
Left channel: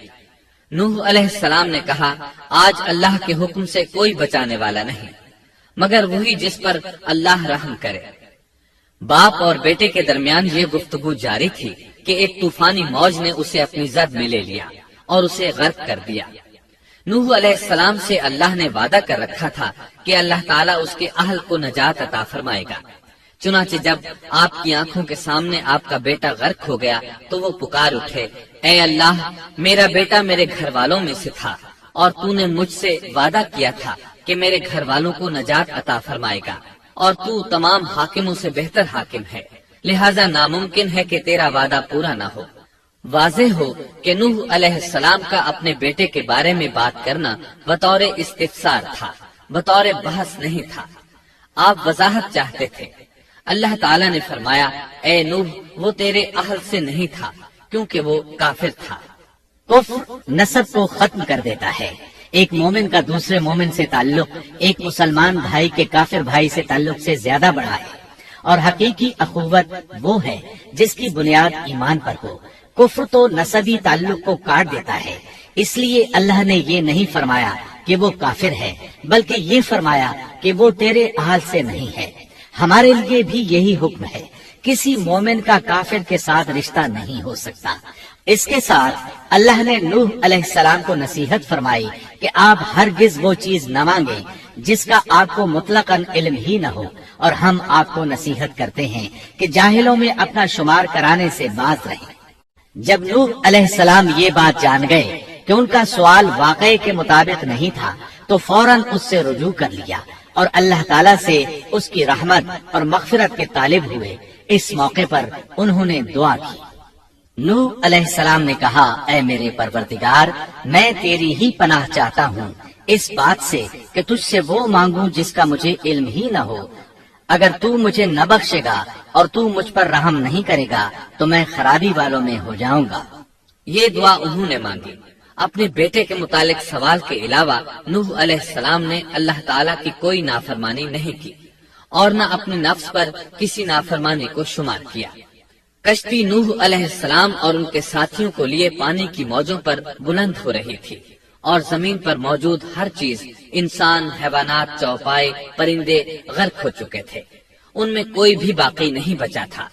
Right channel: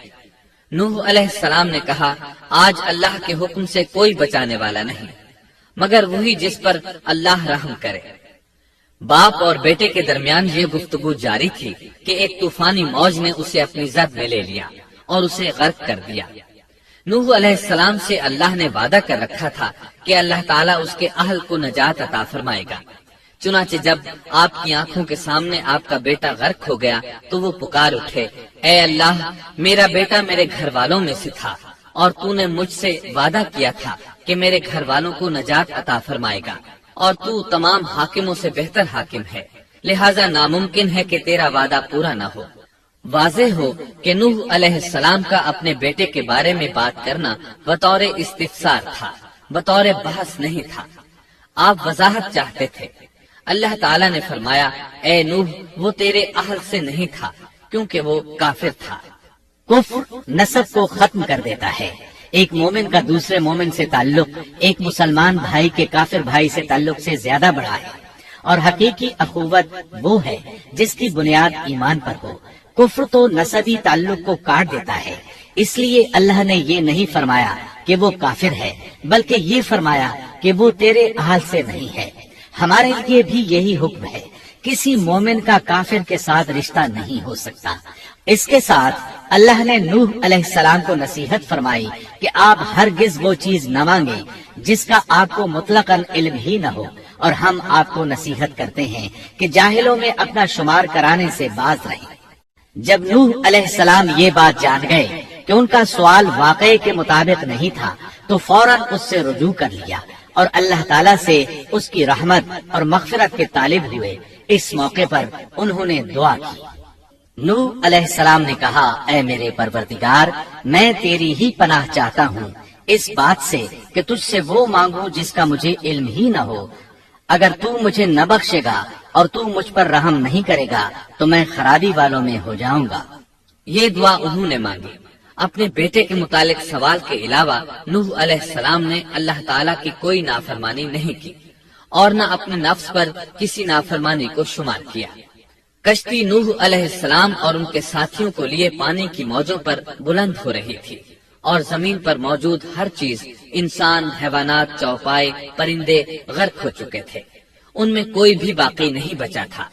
نوح علیہ السلام نے کہا، آج اللہ کے حکم سے کوئی بچانے والا نہیں مگر وہی جس پر اللہ رحم کرے۔ باپ اور بیٹے کے درمیان یہ گفتگو جاری تھی کہ ایک طوفانی موج نے اسے اپنی زد میں لے لیا اور اسے غرق کر دیا۔ نوح علیہ السلام سے اللہ نے وعدہ کر رکھا تھا کہ اللہ تعالیٰ اس کے اہل کو نجات عطا فرمائے گا۔ چنانچہ جب آپ کی آنکھوں کے سامنے آپ کا بیٹا غرق ہو گیا تو وہ پکار اٹھے، اے اللہ میرا بیٹا میرے گھر والوں میں سے تھا اور تو نے مجھ سے وعدہ کیا تھا کہ میرے گھر والوں کو نجات عطا فرمائے گا، اور تو تمام حاکموں سے بہتر حاکم ہے، لہذا ناممکن ہے کہ تیرا وعدہ پورا نہ ہو۔ واضح ہو کہ نوح علیہ السلام کا اپنے بیٹے کے بارے میں بات کرنا بطور استفسار تھا، بطور بحث نہیں تھا۔ آپ وضاحت چاہتے تھے۔ اللہ تعالیٰ نے فرمایا، اے نوح وہ تیرے اہل سے نہیں تھا کیونکہ وہ کافر تھا۔ کفر نسب کو ختم کر دیتا ہے۔ ایک مومن کا دوسرے مومن سے تعلق ایک مسلمان بھائی کے کافر بھائی سے تعلق سے زیادہ بڑا ہے، اور حقیقی اخوت وہ ہے جس کی بنیاد ایمان پر ہو۔ کفر تو نسبی تعلق کو کاٹ دیتا ہے، اس لیے اللہ نے یہ نہیں فرمایا کہ وہ کافر ہے، بلکہ یہ فرمایا کہ وہ تیرے اہل سے نہیں ہے۔ ہمارے لیے بھی یہی حکم ہے، کسی مومن کا کافر کے ساتھ رشتہ نہیں ہو سکتا۔ اس کے ساتھ اللہ نے نوح علیہ السلام کو نصیحت فرمائی کہ آپ ہرگز وہ چیز نہ مانگے جس کا آپ کو مطلقاً علم ہی نہ ہو، اور ہم آپ کو نصیحت کرتے ہیں کہ جاہلوں میں اپنا شمار کرانے سے باز رہیں۔ جب نوح علیہ السلام یہ بات جان گئے کہ ان کا سوال واقعے کے مطابق نہیں تھا تو فوراً اس سے رجوع کر لیا اور اللہ تعالیٰ سے اس کی رحمت اور مغفرت کے طالب ہوئے۔ اس موقع پر انہوں نے دعا کی۔ نوح علیہ السلام نے کہا، اے میرے پروردگار میں تیری ہی پناہ چاہتا ہوں اس بات سے کہ تجھ سے وہ مانگوں جس کا مجھے علم ہی نہ ہو۔ اگر تو مجھے نہ بخشے گا اور تو مجھ پر رحم نہیں کرے گا تو میں خرابی والوں میں ہو جاؤں گا۔ یہ دعا انہوں نے مانگی۔ اپنے بیٹے کے متعلق سوال کے علاوہ نوح علیہ السلام نے اللہ تعالیٰ کی کوئی نافرمانی نہیں کی اور نہ اپنے نفس پر کسی نافرمانی کو شمار کیا۔ کشتی نوح علیہ السلام اور ان کے ساتھیوں کو لیے پانی کی موجوں پر بلند ہو رہی تھی، اور زمین پر موجود ہر چیز، انسان، حیوانات، چوپائے، پرندے غرق ہو چکے تھے۔ ان میں کوئی بھی باقی نہیں بچا تھا۔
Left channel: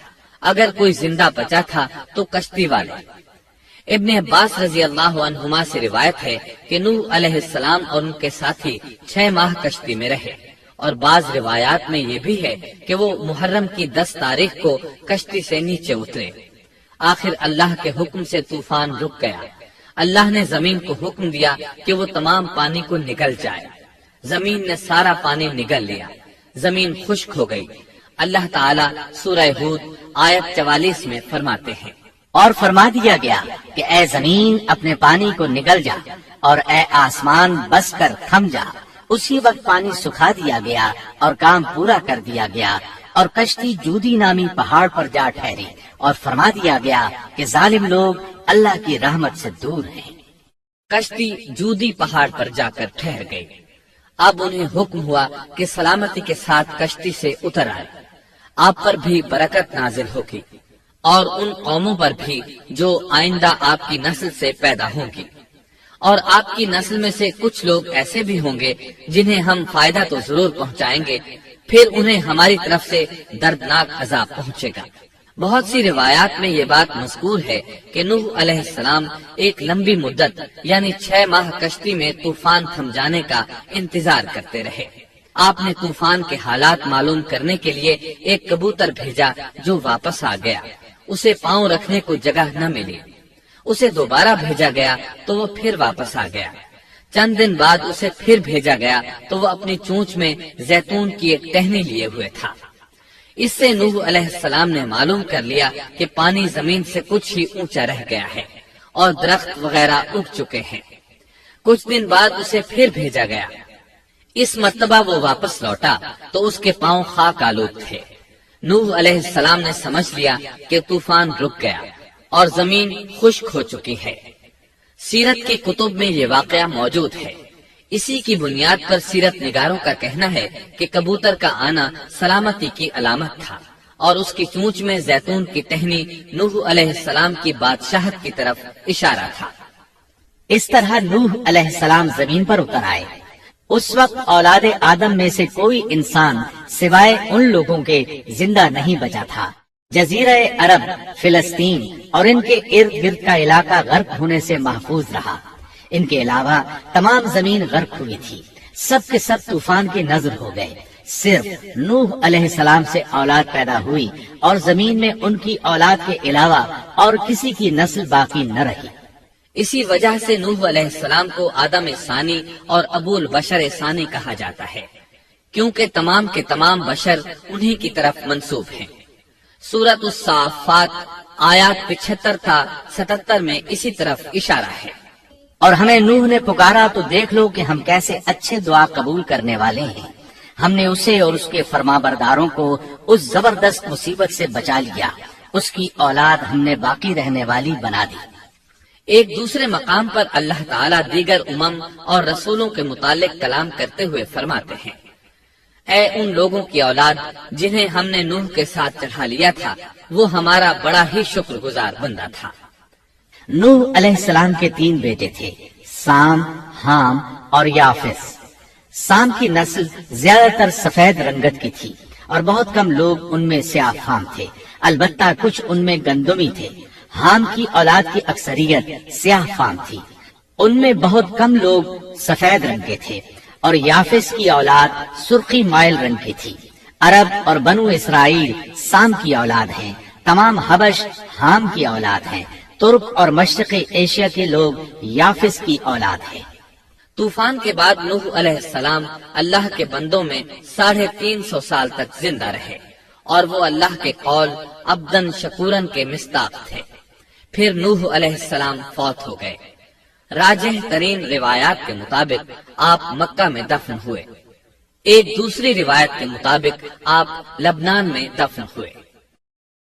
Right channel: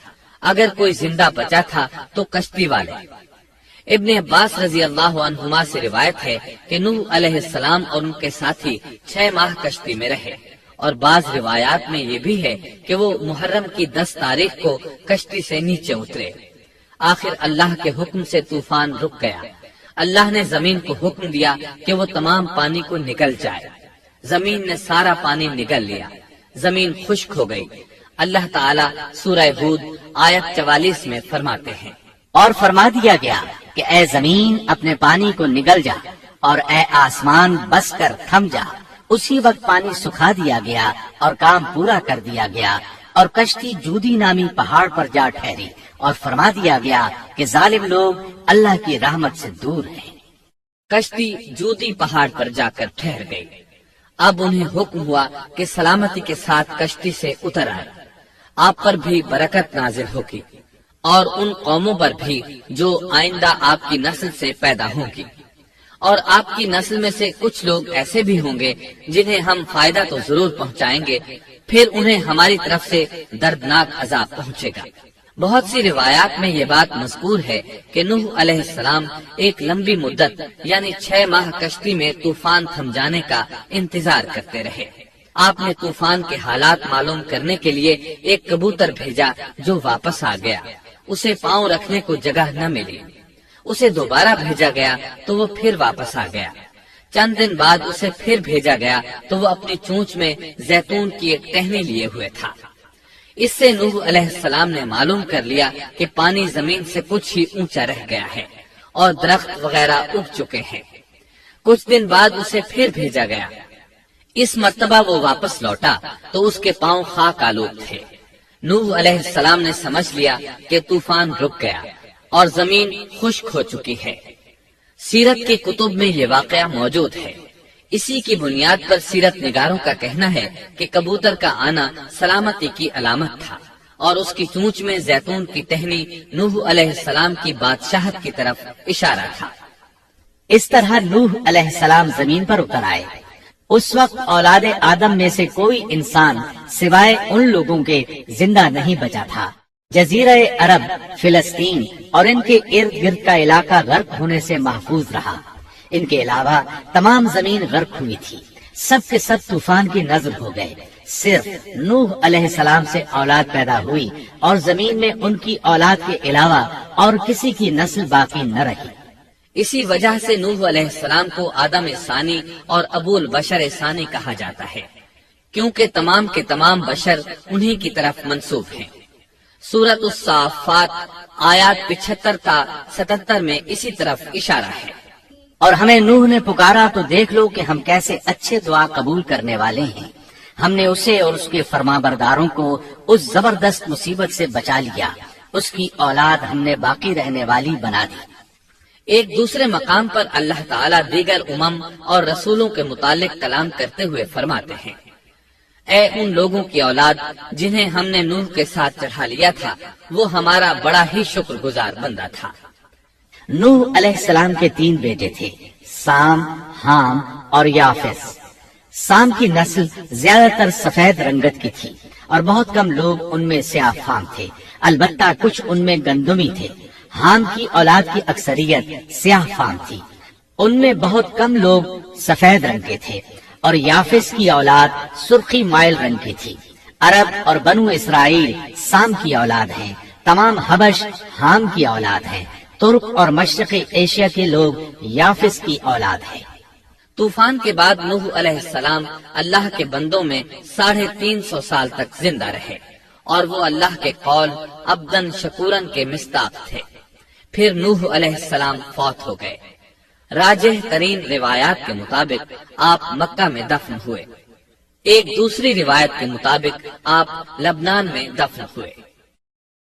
اگر کوئی زندہ بچا تھا تو کشتی والے۔ ابن عباس رضی اللہ عنہما سے روایت ہے کہ نوح علیہ السلام اور ان کے ساتھی 6 ماہ کشتی میں رہے، اور بعض روایات میں یہ بھی ہے کہ وہ محرم کی 10 تاریخ کو کشتی سے نیچے اترے۔ آخر اللہ کے حکم سے طوفان رک گیا۔ اللہ نے زمین کو حکم دیا کہ وہ تمام پانی کو نگل جائے۔ زمین نے سارا پانی نگل لیا، زمین خشک ہو گئی۔ اللہ تعالیٰ سورہ ہود آیت 44 میں فرماتے ہیں، اور فرما دیا گیا کہ اے زمین اپنے پانی کو نگل جا، اور اے آسمان بس کر تھم جا۔ اسی وقت پانی سکھا دیا گیا اور کام پورا کر دیا گیا، اور کشتی جودی نامی پہاڑ پر جا ٹھہری، اور فرما دیا گیا کہ ظالم لوگ اللہ کی رحمت سے دور ہیں۔ کشتی جودی پہاڑ پر جا کر ٹھہر گئی۔ اب انہیں حکم ہوا کہ سلامتی کے ساتھ کشتی سے اتر آئے، آپ پر بھی برکت نازل ہوگی اور ان قوموں پر بھی جو آئندہ آپ کی نسل سے پیدا ہوں گی، اور آپ کی نسل میں سے کچھ لوگ ایسے بھی ہوں گے جنہیں ہم فائدہ تو ضرور پہنچائیں گے، پھر انہیں ہماری طرف سے دردناک عذاب پہنچے گا۔ بہت سی روایات میں یہ بات مذکور ہے کہ نوح علیہ السلام ایک لمبی مدت یعنی 6 ماہ کشتی میں طوفان تھم جانے کا انتظار کرتے رہے۔ آپ نے طوفان کے حالات معلوم کرنے کے لیے ایک کبوتر بھیجا جو واپس آ گیا، اسے پاؤں رکھنے کو جگہ نہ ملی۔ اسے دوبارہ بھیجا گیا تو وہ پھر واپس آ گیا۔ چند دن بعد اسے پھر بھیجا گیا تو وہ اپنی چونچ میں زیتون کی ایک ٹہنی لیے ہوئے تھا۔ اس سے نوح علیہ السلام نے معلوم کر لیا کہ پانی زمین سے کچھ ہی اونچا رہ گیا ہے اور درخت وغیرہ اگ چکے ہیں۔ کچھ دن بعد اسے پھر بھیجا گیا۔ اس مرتبہ وہ واپس لوٹا تو اس کے پاؤں خاک آلود تھے۔ نوح علیہ السلام نے سمجھ لیا کہ طوفان رک گیا اور زمین خشک ہو چکی ہے۔ سیرت کی کتب میں یہ واقعہ موجود ہے۔ اسی کی بنیاد پر سیرت نگاروں کا کہنا ہے کہ کبوتر کا آنا سلامتی کی علامت تھا اور اس کی چونچ میں زیتون کی ٹہنی نوح علیہ السلام کی بادشاہت کی طرف اشارہ تھا۔ اس طرح نوح علیہ السلام زمین پر اتر آئے۔ اس وقت اولاد آدم میں سے کوئی انسان سوائے ان لوگوں کے زندہ نہیں بچا تھا۔ جزیرہ عرب، فلسطین اور ان کے ارد گرد کا علاقہ غرق ہونے سے محفوظ رہا۔ ان کے علاوہ تمام زمین غرق ہوئی تھی۔ سب کے سب طوفان کی نذر ہو گئے۔ صرف نوح علیہ السلام سے اولاد پیدا ہوئی اور زمین میں ان کی اولاد کے علاوہ اور کسی کی نسل باقی نہ رہی۔ اسی وجہ سے نوح علیہ السلام کو آدم ثانی اور ابو البشر ثانی کہا جاتا ہے، کیونکہ تمام کے تمام بشر انہی کی طرف منسوب ہیں۔ سورۃ الصافات آیات 75 تا 77 میں اسی طرف اشارہ ہے۔ اور ہمیں نوح نے پکارا تو دیکھ لو کہ ہم کیسے اچھے دعا قبول کرنے والے ہیں۔ ہم نے اسے اور اس کے فرمانبرداروں کو اس زبردست مصیبت سے بچا لیا۔ اس کی اولاد ہم نے باقی رہنے والی بنا دی۔ ایک دوسرے مقام پر اللہ تعالیٰ دیگر امم اور رسولوں کے متعلق کلام کرتے ہوئے فرماتے ہیں، اے ان لوگوں کی اولاد جنہیں ہم نے نوح کے ساتھ چڑھا لیا تھا، وہ ہمارا بڑا ہی شکر گزار بندہ تھا۔ نوح علیہ السلام کے 3 بیٹے تھے، سام، حام اور یافس۔ سام کی نسل زیادہ تر سفید رنگت کی تھی اور بہت کم لوگ ان میں سیاہ فام تھے، البتہ کچھ ان میں گندمی تھے۔ حام کی اولاد کی اکثریت سیاہ فام تھی، ان میں بہت کم لوگ سفید رنگ کے تھے، اور یافس کی اولاد سرخی مائل رنگ کی تھی۔ عرب اور بنو اسرائیل سام کی اولاد ہیں، تمام حبش حام کی اولاد ہیں، ترک اور مشرقی ایشیا کے لوگ یافس کی اولاد ہیں۔ طوفان کے بعد نوح علیہ السلام اللہ کے بندوں میں 350 سال تک زندہ رہے اور وہ اللہ کے قول عبدن شکورن کے مصداق تھے۔ پھر نوح علیہ السلام فوت ہو گئے۔ راجح ترین روایات کے مطابق آپ مکہ میں دفن ہوئے۔ ایک دوسری روایت کے مطابق آپ لبنان میں دفن ہوئے۔